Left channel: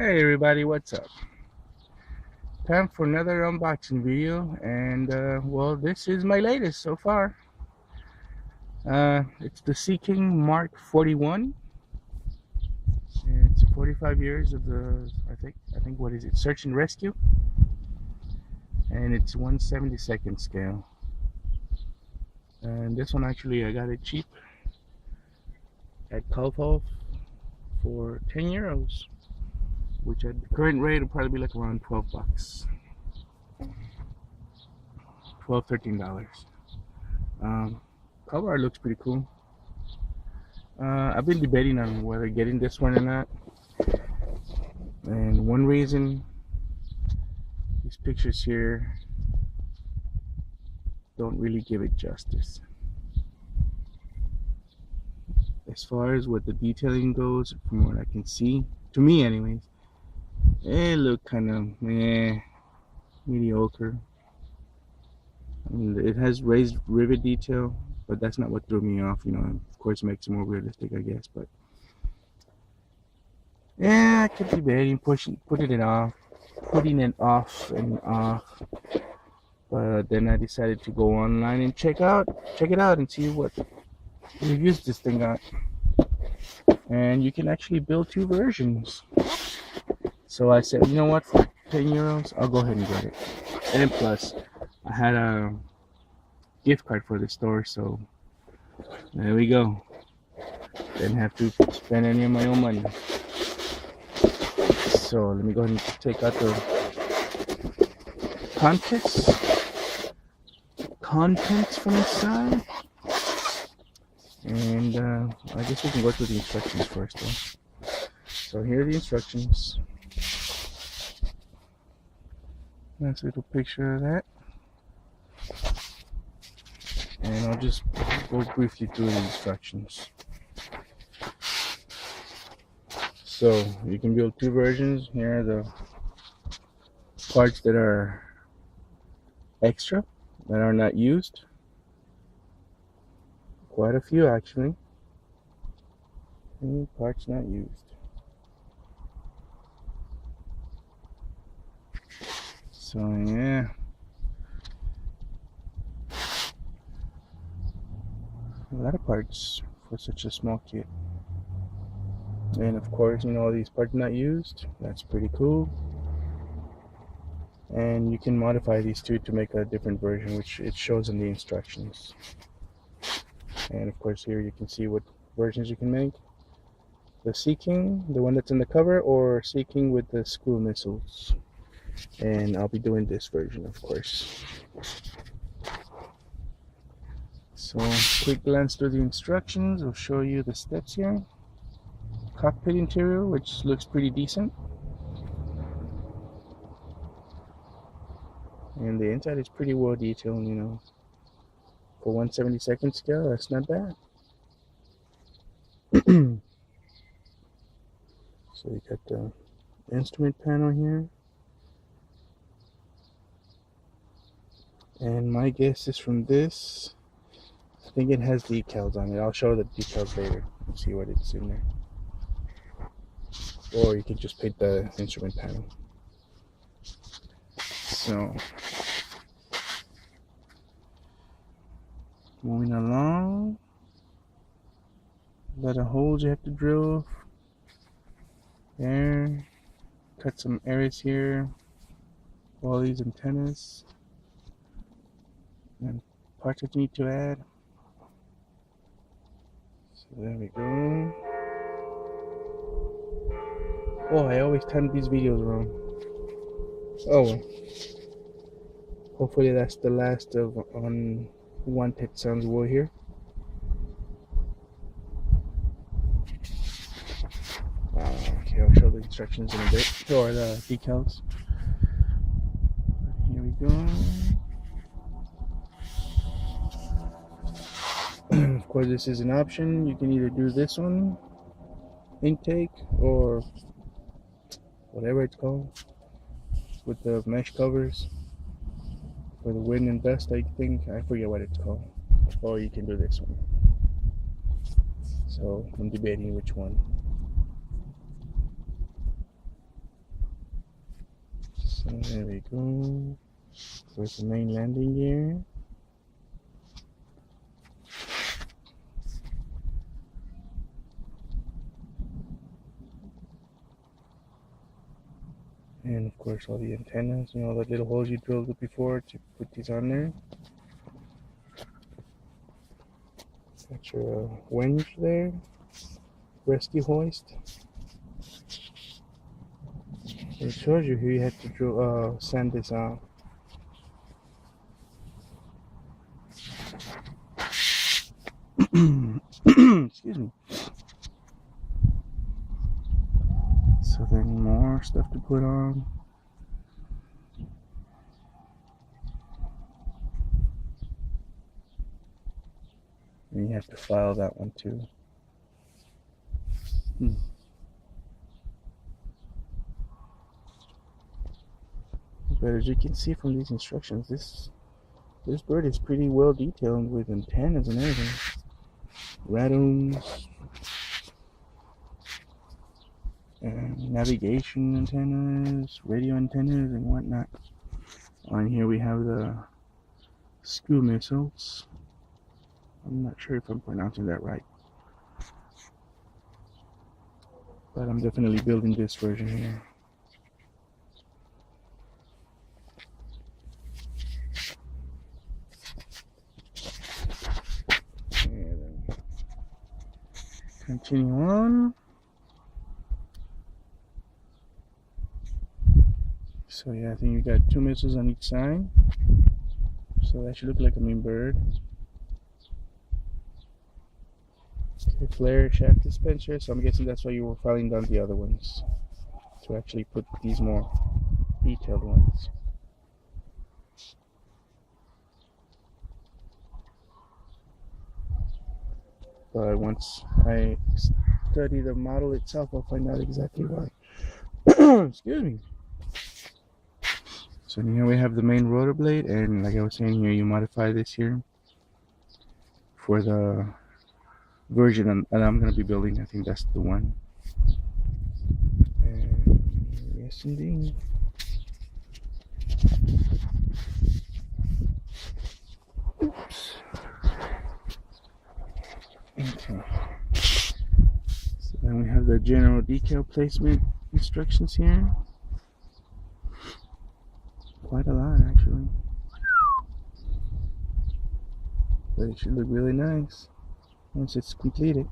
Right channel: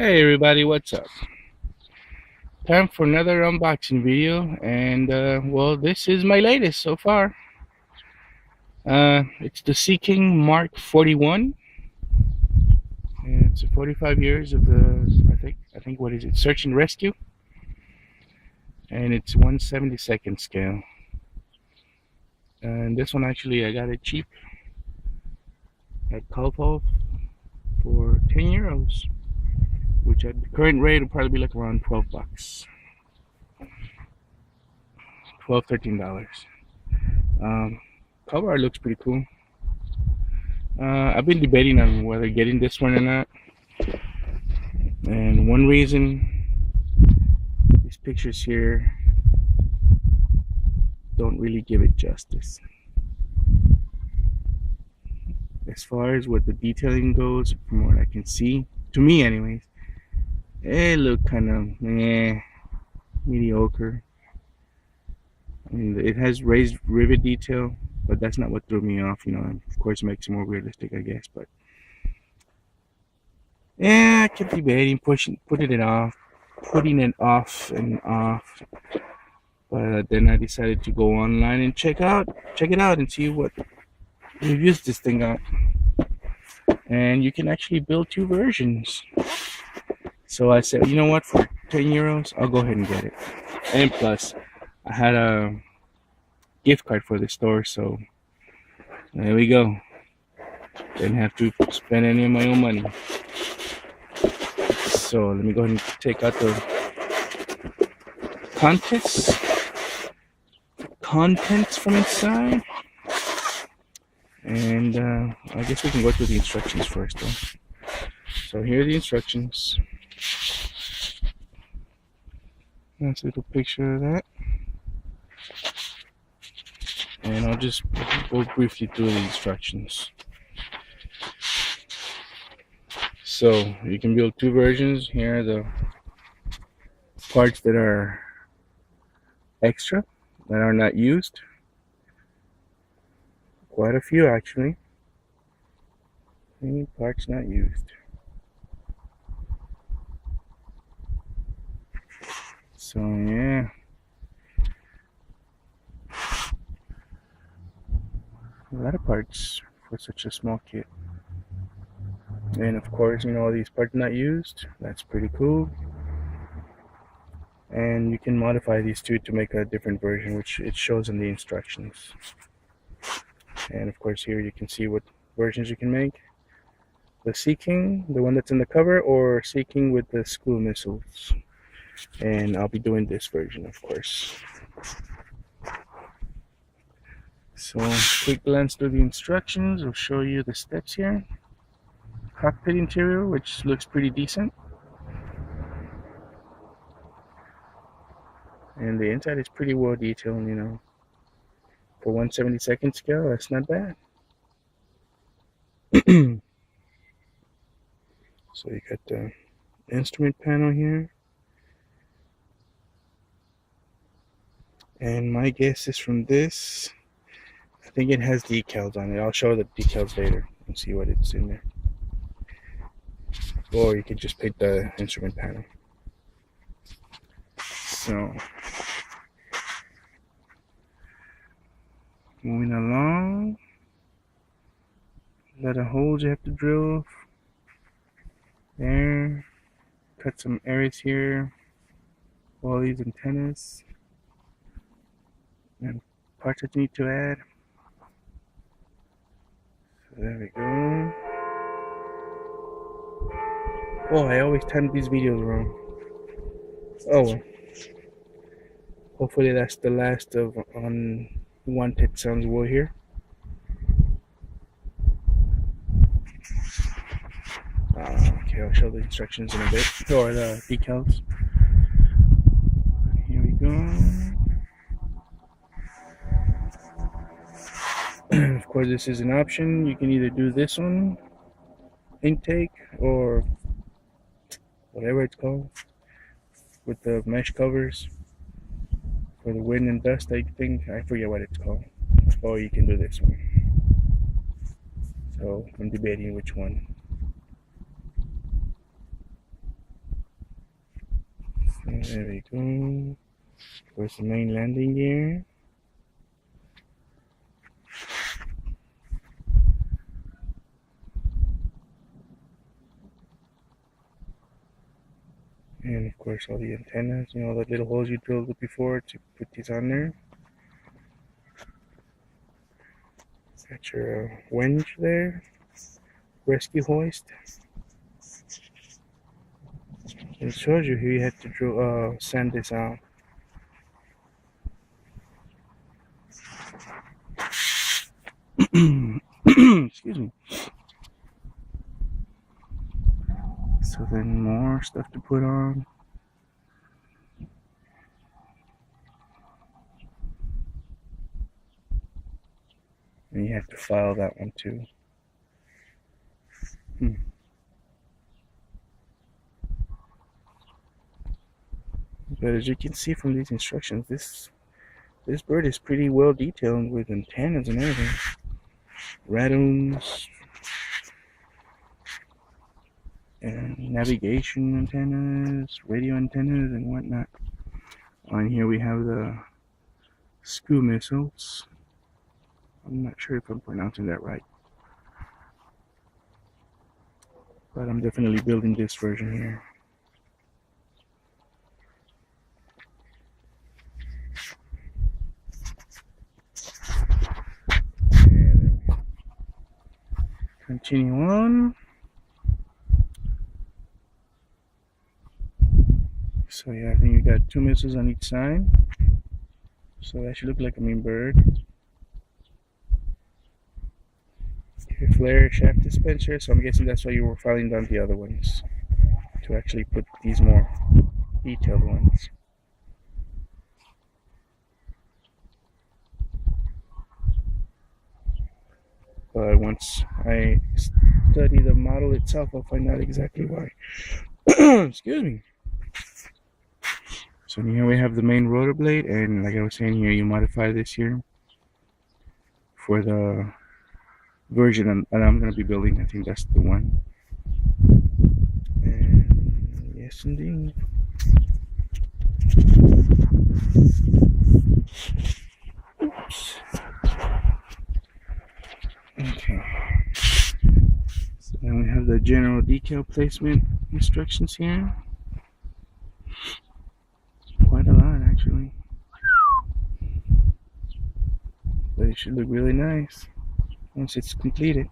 Hey everybody, what's up? Time for another unboxing video, and well, this is my latest so far. It's the Seaking Mark 41. It's 45 years of the I think what is it? Search and rescue, and it's 1/72 scale. And this one actually I got it cheap at Cockpit for €10, which at the current rate will probably be like around $12, $13. Um, Cover art looks pretty cool. I've been debating on whether getting this one or not, and one reason, these pictures here don't really give it justice. As far as what the detailing goes, from what I can see, to me anyways, it looked kind of mediocre. I mean, it has raised rivet detail, but that's not what threw me off. Of course, it makes it more realistic, I guess. But yeah, I kept debating, putting it off and off. But then I decided to go online and check it out and see what reviews this thing got. And you can actually build two versions. So I said, you know what, for €10, I'll go ahead and get it. And plus, I had a gift card for the store, so there we go. Didn't have to spend any of my own money. So let me go ahead and take out the contents from inside. And I guess we can go through the instructions first though. So here are the instructions. Nice little picture of that. And I'll just go briefly through the instructions. So you can build two versions. Here are the parts that are extra, that are not used. Quite a few actually. Any parts not used. So yeah, a lot of parts for such a small kit. And of course, all these parts not used. That's pretty cool. And you can modify these two to make a different version, which it shows in the instructions. And of course, here you can see what versions you can make. The Seaking, the one that's in the cover, or Seaking with the SKUA Missiles. And I'll be doing this version, of course. So quick glance through the instructions will show you the steps here. Cockpit interior, which looks pretty decent. And the inside is pretty well detailed, For 1/72 scale, that's not bad. So you got the instrument panel here. And my guess is from this, I think it has decals on it. I'll show the decals later and see what it's in there. Or you can just paint the instrument panel. So, moving along, a lot of holes you have to drill there. Cut some areas here. All these antennas and parts that you need to add. So there we go. Oh, I always time these videos wrong. Oh well. Hopefully that's the last of Unwanted Sounds we'll hear. Okay, I'll show the instructions in a bit, or the decals. Here we go. Of course, this is an option. You can either do this one, intake, or whatever it's called, with the mesh covers for the wind and dust. I think I forget what it's called. Or you can do this one. So I'm debating which one. So there we go. Where's the main landing gear? And of course all the antennas, you know, the little holes you drilled before to put these on there. Got your winch there, rescue hoist. It shows you here you had to drill, sand this out. Excuse me. So then more stuff to put on. And you have to file that one too. But as you can see from these instructions, this bird is pretty well detailed with antennas and everything. Radomes and navigation antennas, radio antennas and whatnot. On here we have the SKUA Missiles. I'm not sure if I'm pronouncing that right, but I'm definitely building this version here. And continue on. So yeah, I think you got 2 missiles on each side. So that should look like a mean bird. Okay, flare shaft dispenser. So I'm guessing that's why you were filing down the other ones, to actually put these more detailed ones. But once I study the model itself, I'll find out exactly why. Excuse me. So here we have the main rotor blade, and like I was saying here, you modify this here for the version that I'm going to be building. I think that's the one. And yes indeed. Oops. Okay. So then we have the general decal placement instructions here. Quite a lot actually, but it should look really nice once it's completed.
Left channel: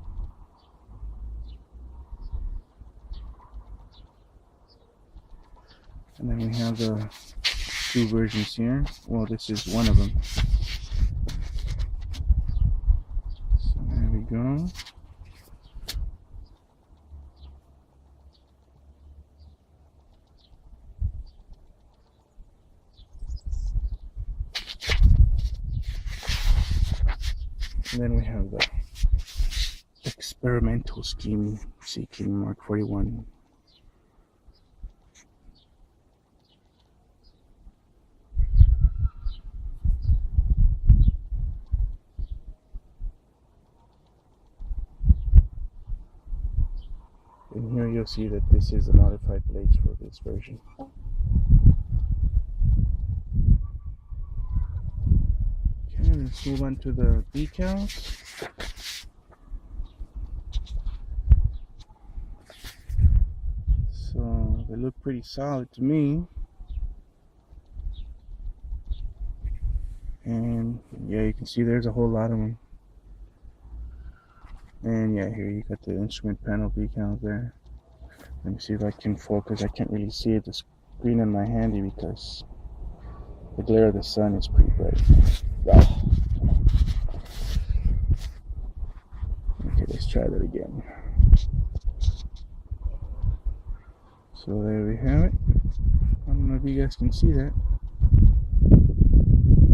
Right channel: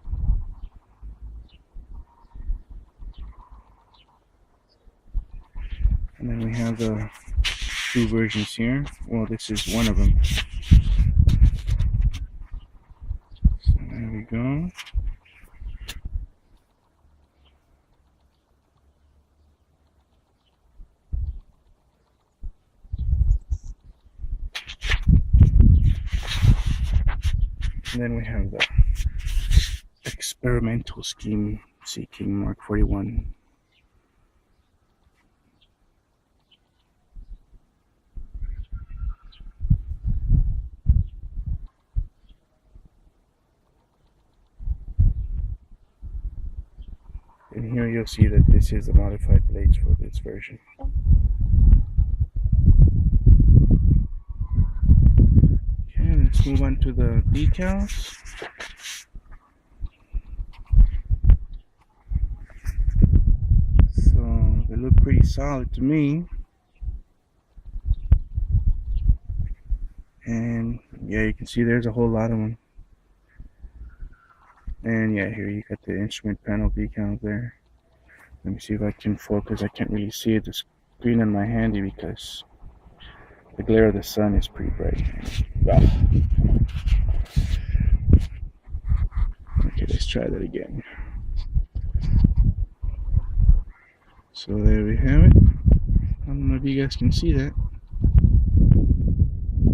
And then we have the 2 versions here. Well, this is one of them. So there we go. And then we have the experimental scheme Seaking Mark 41. And here you'll see that this is the modified blades for this version. Okay, let's move on to the decals. So they look pretty solid to me. And yeah, you can see there's a whole lot of them. And yeah, here you got the instrument panel decals there. Let me see if I can focus. I can't really see it, the screen on my handy, because the glare of the sun is pretty bright. Oh, come on. Okay, let's try that again. So there we have it. I don't know if you guys can see that.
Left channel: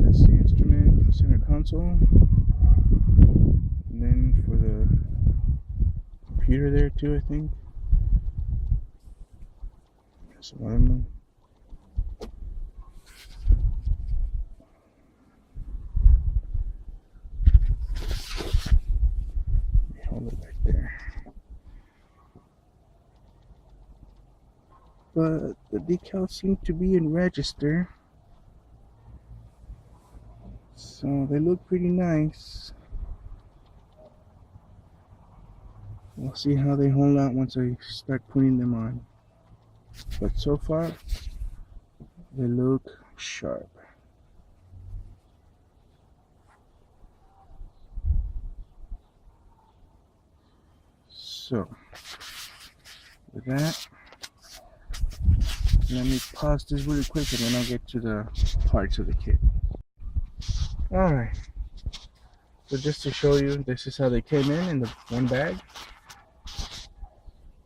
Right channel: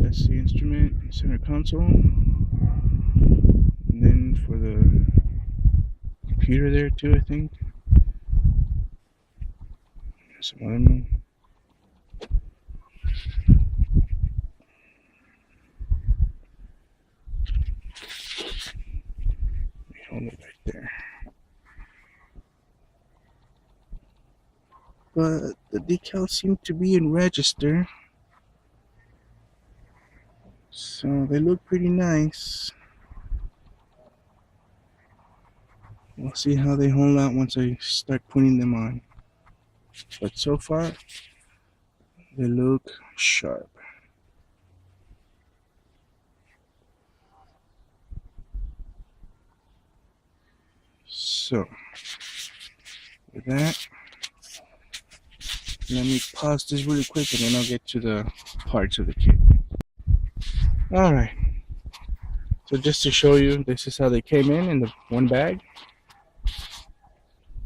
That's the instrument center console. And then for the computer there too, I think. There's some other one. Hold it right there. but the decals seem to be in register, so they look pretty nice. We'll see how they hold out once I start putting them on, but so far they look sharp. So with that, let me pause this really quick and then I'll get to the parts of the kit. Alright, so just to show you, this is how they came in the one bag.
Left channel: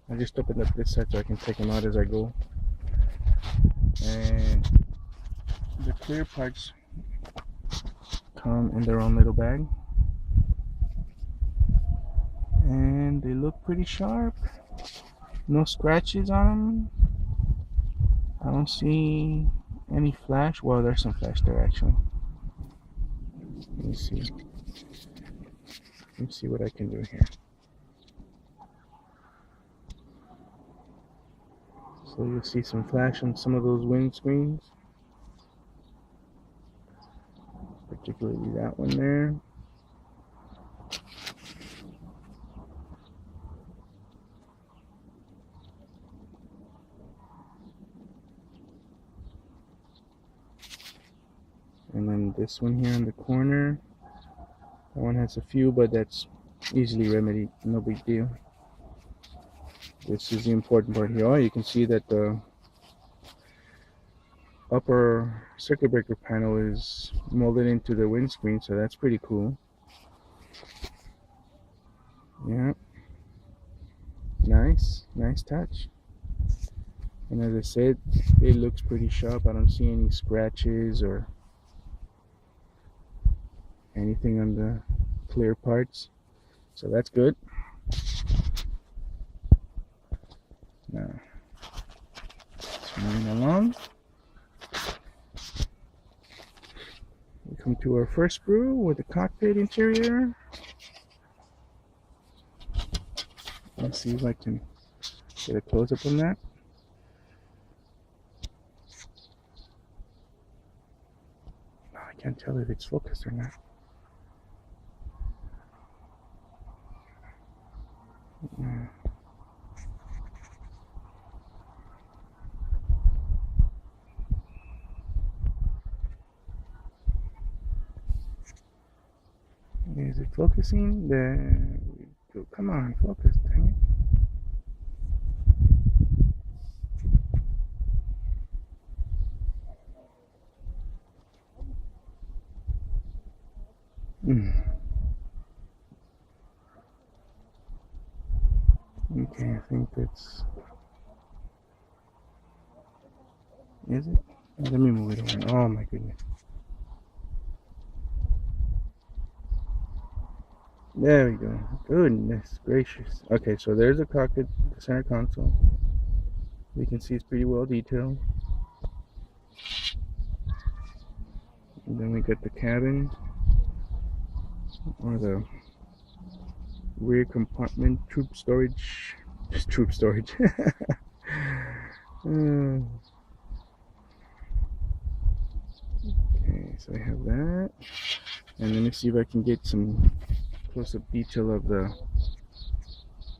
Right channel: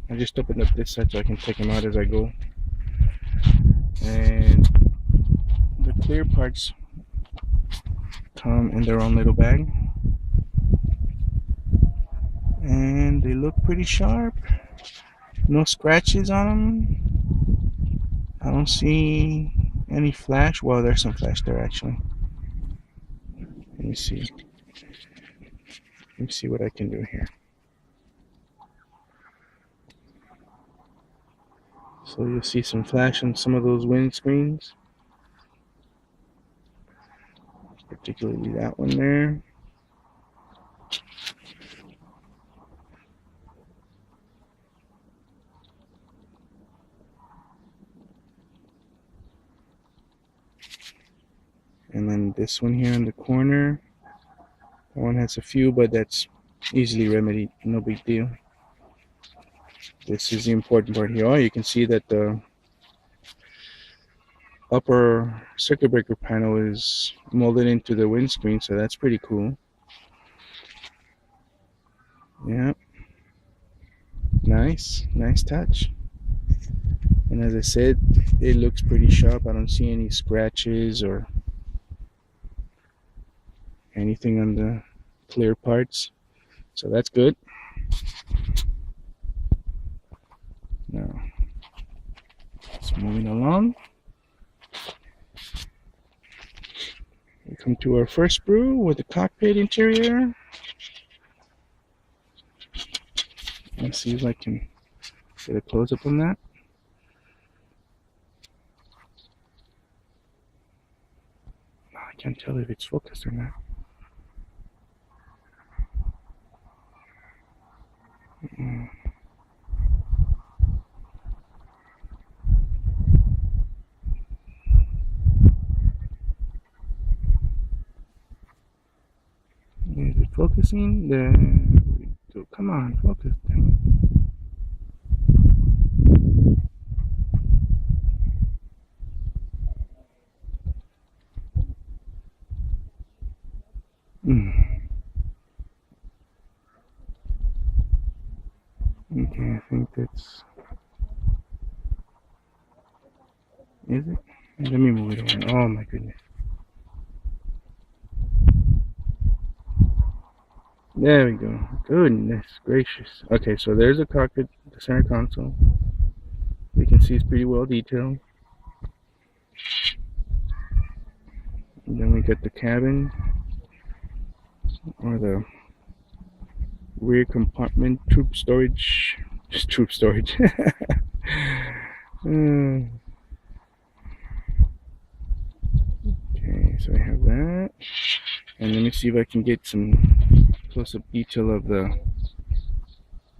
I just opened up this side so I can take them out as I go. And the clear parts come in their own little bag. And they look pretty sharp. No scratches on them. I don't see any flash. Well, there's some flash there actually. Let me see. Let me see what I can do here. So you'll see some flash on some of those windscreens, particularly that one there. And then this one here in the corner. That one has a few, but that's easily remedied. No big deal. This is the important part here. Oh, you can see that the upper circuit breaker panel is molded into the windscreen, so that's pretty cool. Yeah, nice touch. And as I said, it looks pretty sharp. I don't see any scratches or anything on the clear parts, so that's good. Now, let's moving along. We come to our first sprue with the cockpit interior. Let's see if I can get a close up on that. I can't tell if it's focused or not. Is it focusing? There we go. Come on, focus, dang it. Okay, I think that's... Is it? Let me move it around. Oh my goodness. There we go. Goodness gracious. Okay, so there's the cockpit, the center console. We can see it's pretty well detailed. And then we got the cabin, or the rear compartment, troop storage. Just troop storage. Okay, so we have that. And let me see if I can get some close-up detail of the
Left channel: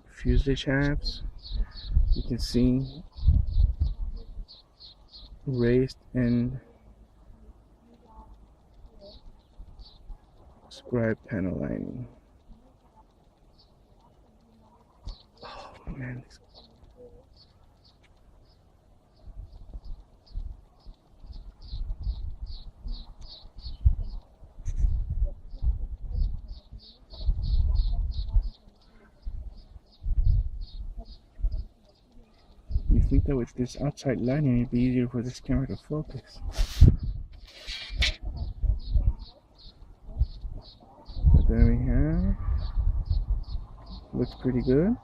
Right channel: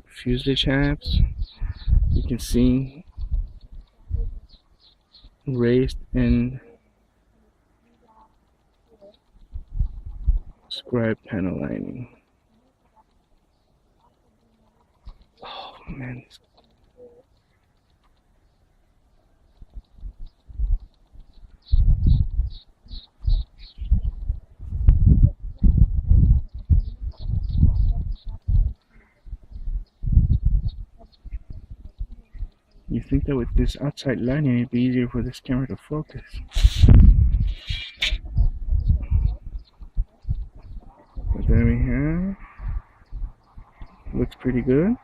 fuselage halves. You can see raised and scribe panel lining. Oh man. You think that with this outside lighting it'd be easier for this camera to focus. But there we have. Looks pretty good.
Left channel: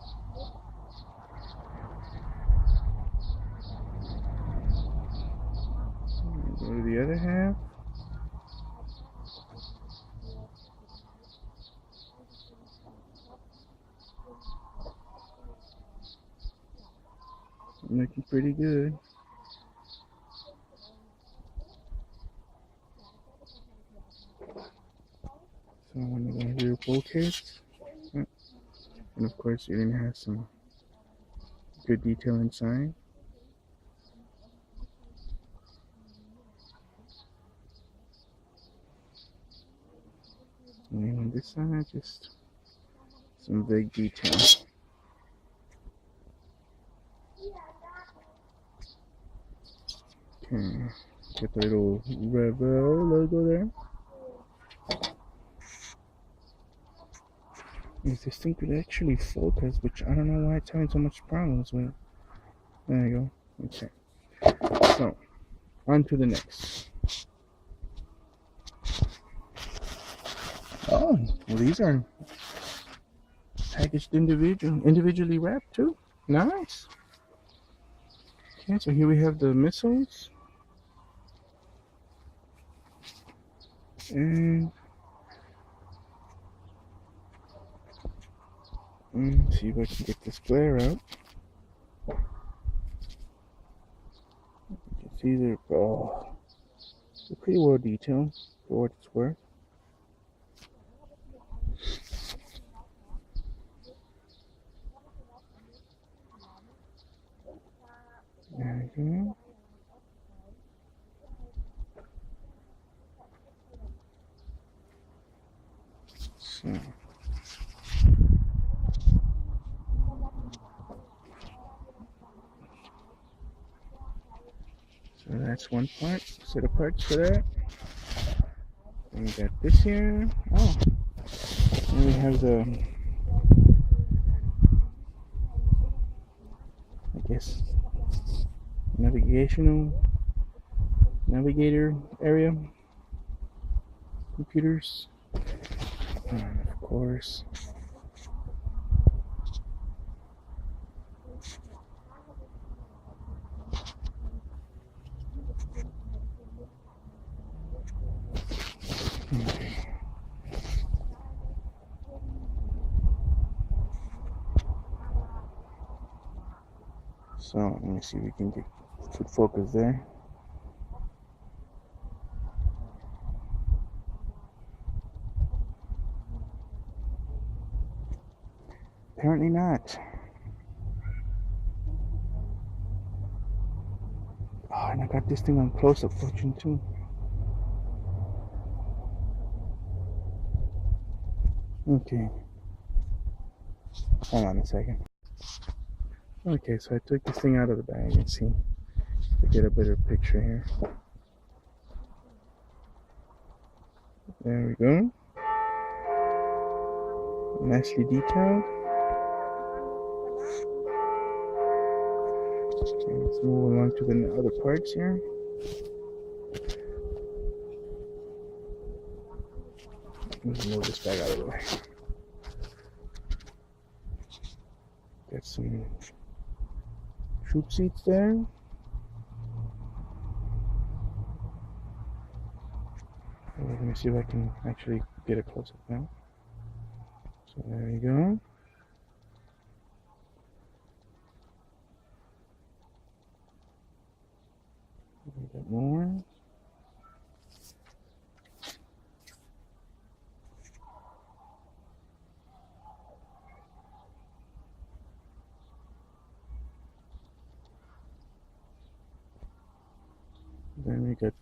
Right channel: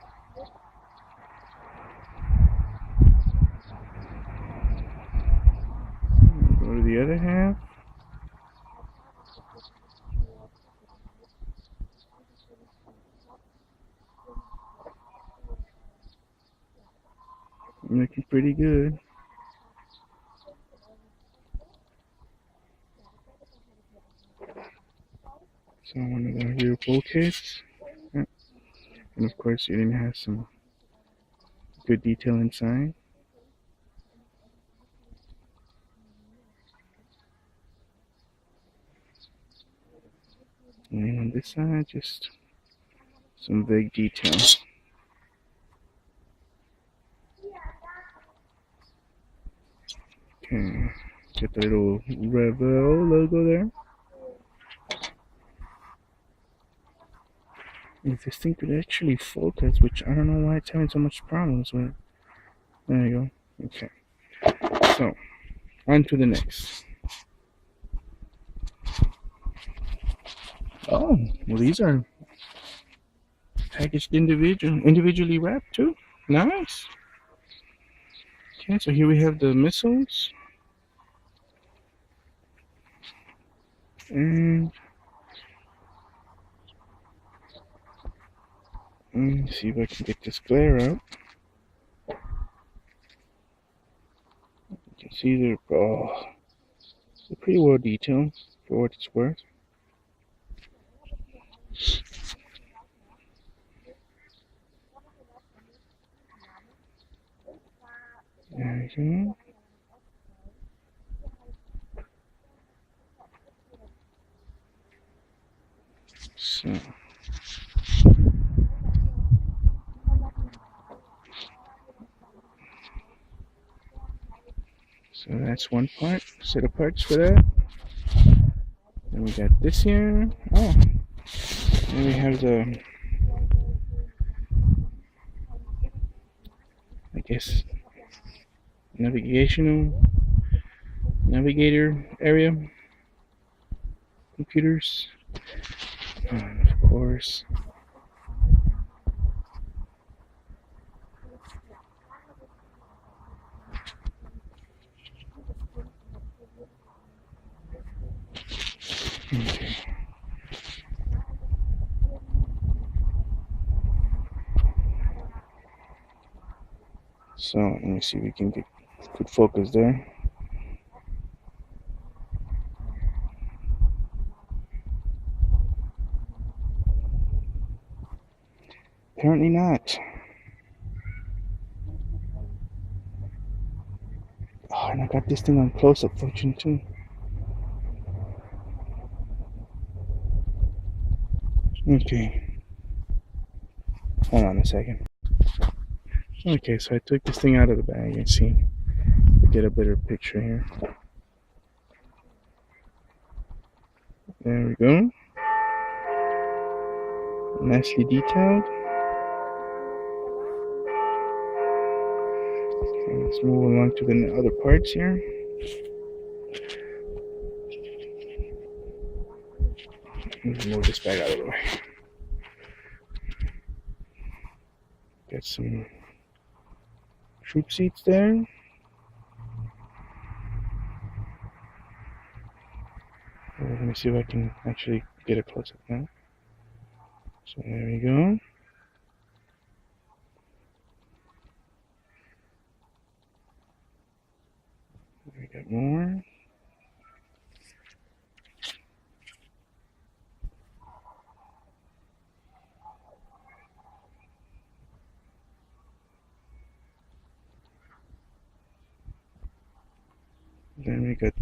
Go to the other half. Looking pretty good. So one of the rear bulkheads. And of course it even has some good detail inside. And on this side, just some vague detail. Okay, get the little Revell logo there. If this thing could actually focus, which I don't know why it's having so much problems with. There you go. Okay. So, on to the next. Oh, well, these are packaged individually wrapped too. Nice. Okay, so here we have the missiles. And let me see if I can get this glare out. You can see they're pretty well detailed for what it's worth. There you go. So that's one set of parts for that. Then we got this here. Oh, and we have the, I guess, navigator area, computers, and of course okay. So let me see if we can get good focus there. Apparently not. Oh, and I got this thing on close-up function too. Okay. Hold on a second. Okay, so I took this thing out of the bag and see if we get a better picture here. There we go. Nicely detailed. Okay, let's move along to the other parts here. Let's move this bag out of the way. Got some troop seats there. Let me see if I can actually get a close up now. So there we go. We got more. Then we got,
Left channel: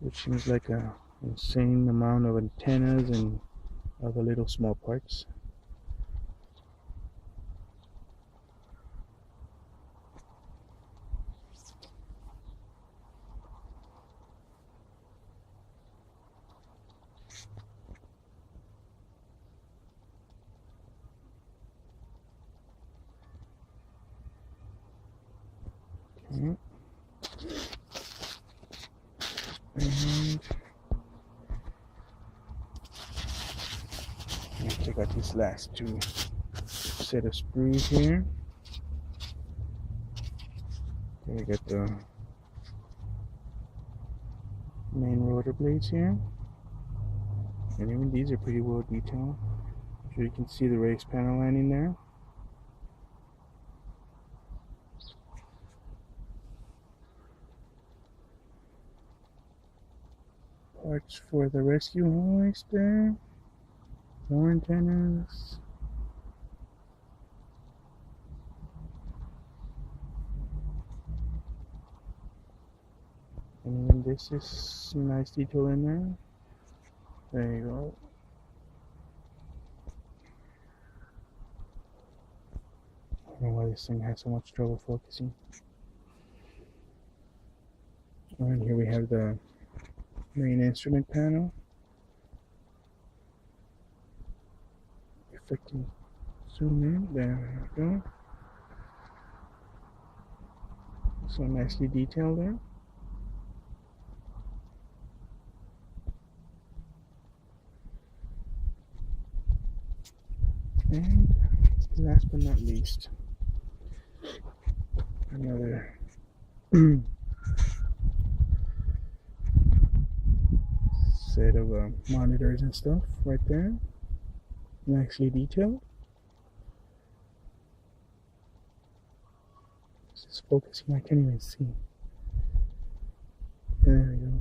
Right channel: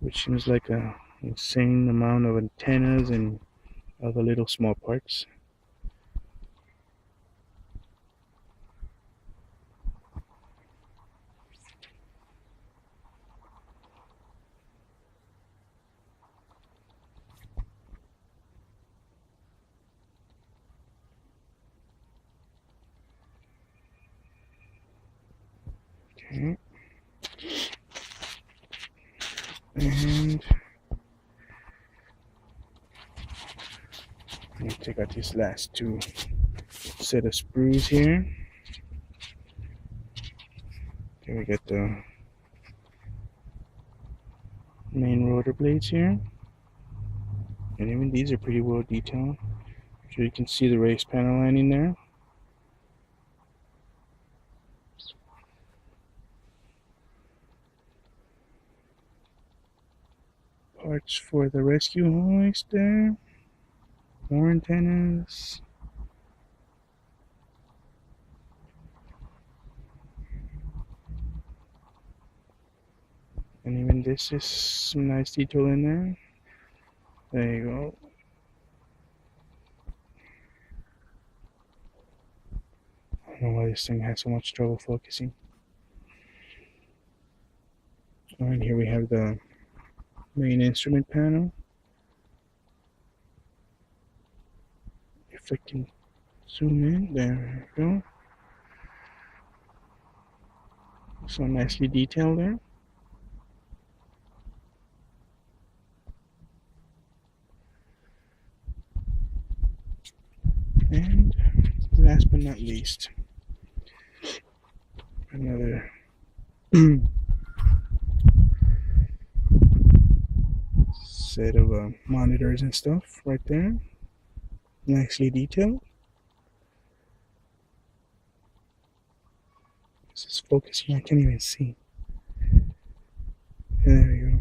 which seems like a insane amount of antennas and other little small parts. Okay. And let me take out these last two set of sprues here. Okay, we got the main rotor blades here. And even these are pretty well detailed. So you can see the race panel lining there. Parts for the rescue hoist there. More antennas. And even this is some nice detail in there. There you go. I don't know why this thing has so much trouble focusing. Alright, here we have the main instrument panel. If I can zoom in, there we go. So nicely detailed there. And last but not least, another set of monitors and stuff right there. Nicely detailed. This is focusing, I can't even see. There we go.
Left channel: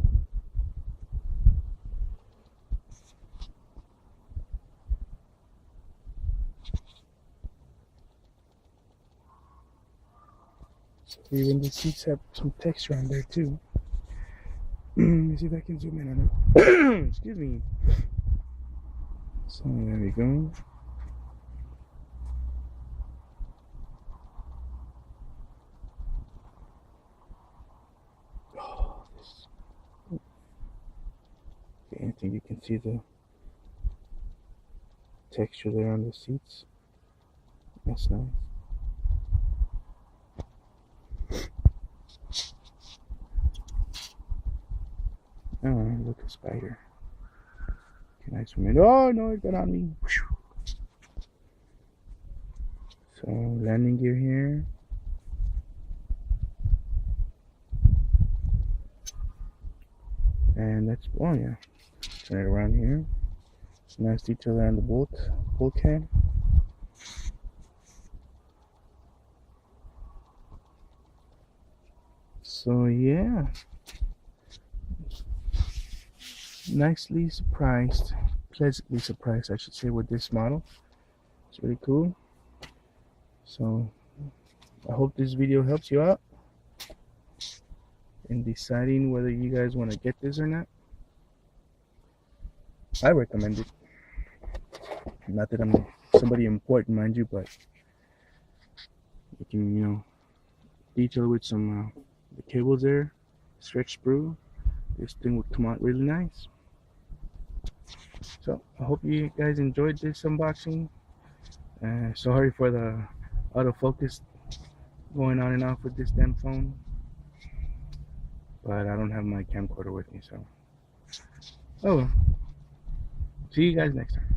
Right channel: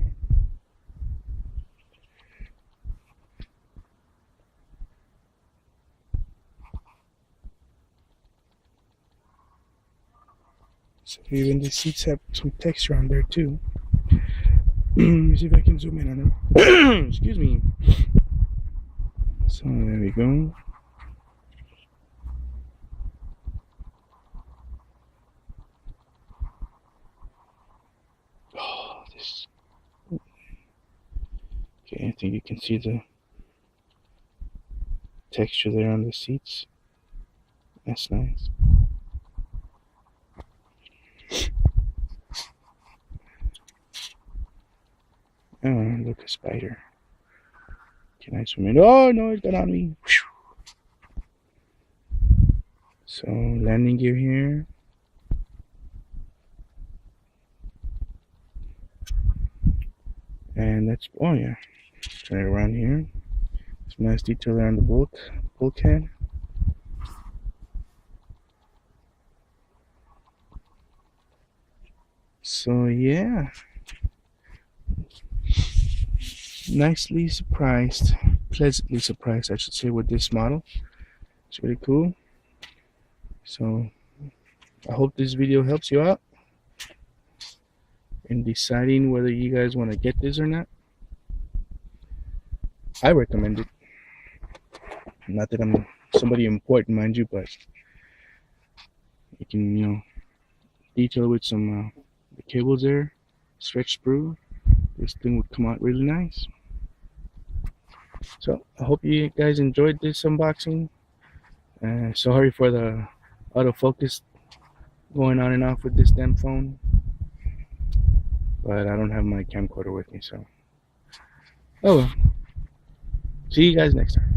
So even the seats have some texture on there too. Let me see if I can zoom in on them. Excuse me. So there we go. Oh, this. Okay, I think you can see the texture there on the seats. That's nice. Oh, look, a spider. Can I zoom in? Oh no, it got on me. So landing gear here. And that's, oh yeah, turn it around here. Some nice detail there on the bulkhead. So yeah, nicely surprised, pleasantly surprised I should say, with this model. It's really cool. So I hope this video helps you out in deciding whether you guys want to get this or not. I recommend it. Not that I'm somebody important, mind you, but you can, you know, detail with some the cables there, stretch sprue. This thing would come out really nice. So I hope you guys enjoyed this unboxing. Sorry for the autofocus going on and off with this damn phone, but I don't have my camcorder with me, so oh well. See you guys next time.